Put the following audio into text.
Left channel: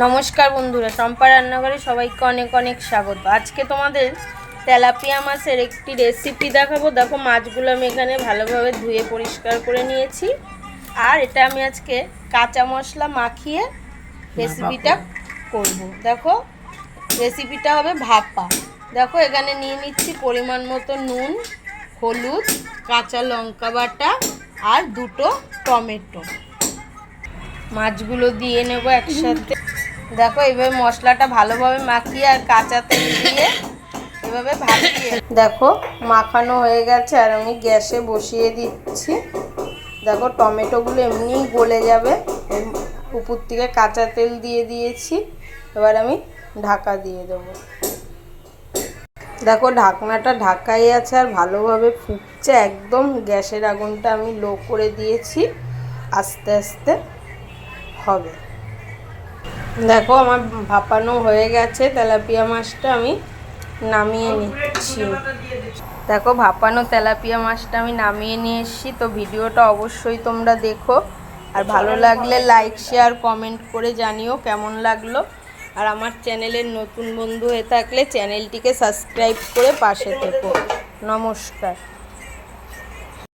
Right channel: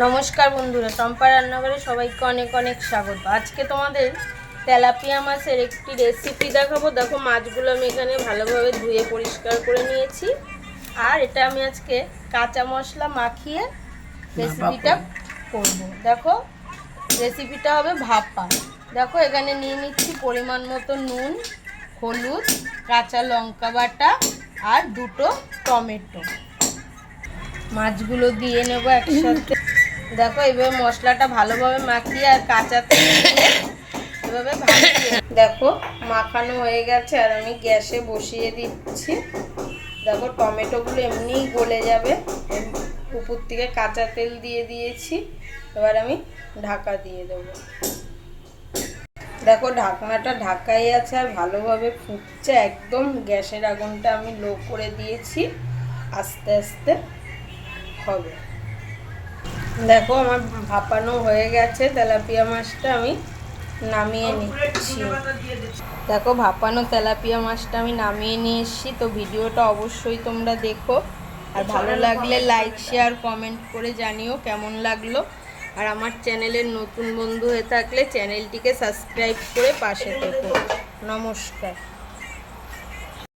নমস্কার বন্ধুরা, চম্পা রান্নাঘরে সবাইকে অনেক অনেক স্বাগত। আজকে তোমাদের তেলাপিয়া মাছের একটি রেসিপি দেখাবো। দেখো, মাছগুলো আমি এখানে ভালোভাবে ধুয়ে পরিষ্কার করে নিয়েছি। আর এটা আমি আজকে কাঁচা মশলা মাখিয়ে রেসিপিটা করব। দেখো, রেসিপিটা হবে ভাপা। দেখো, এখানে নিয়ে নিচ্ছি পরিমাণ মতো নুন, হলুদ, কাঁচা লঙ্কা বাটা আর দুটো টমেটো। মাছগুলো দিয়ে নেব একসাথে। দেখো, এইভাবে মশলাটা ভালোভাবে মাখিয়ে আর কাঁচা তেল দিয়ে এভাবে ভাপিয়ে দেখো মাখানো হয়ে গেছে। আর আমি গ্যাসে বসিয়ে দিচ্ছি। দেখো, টমেটোগুলো এমনিই গলে যাবে। উপর থেকে কাঁচা তেল দিয়ে দিয়েছি। এবার আমি ঢাকা দিয়ে দেবো। দেখো, ঢাকনাটা ঢাকাই আছে আর ভালোভাবে ফুটছে। একদম গ্যাসের আগুনটা আমি লো করে দিয়েছি। আস্তে আস্তে হবে। দেখো, আমার ভাপানো হয়ে গেছে। তেলাপিয়া মাছটা আমি নামিয়ে নিচ্ছি। দেখো, ভাপানো তেলাপিয়া মাছটা আমি নামিয়ে নিয়ে এসেছি। তো ভিডিওটা অবশ্যই তোমরা দেখো, আর ভালো লাগলে লাইক শেয়ার কমেন্ট করে জানিও কেমন লাগলো। আর আমার চ্যানেলের নতুন বন্ধু হয়ে থাকলে চ্যানেলটিকে সাবস্ক্রাইব করে পাশে থেকো। নমস্কার।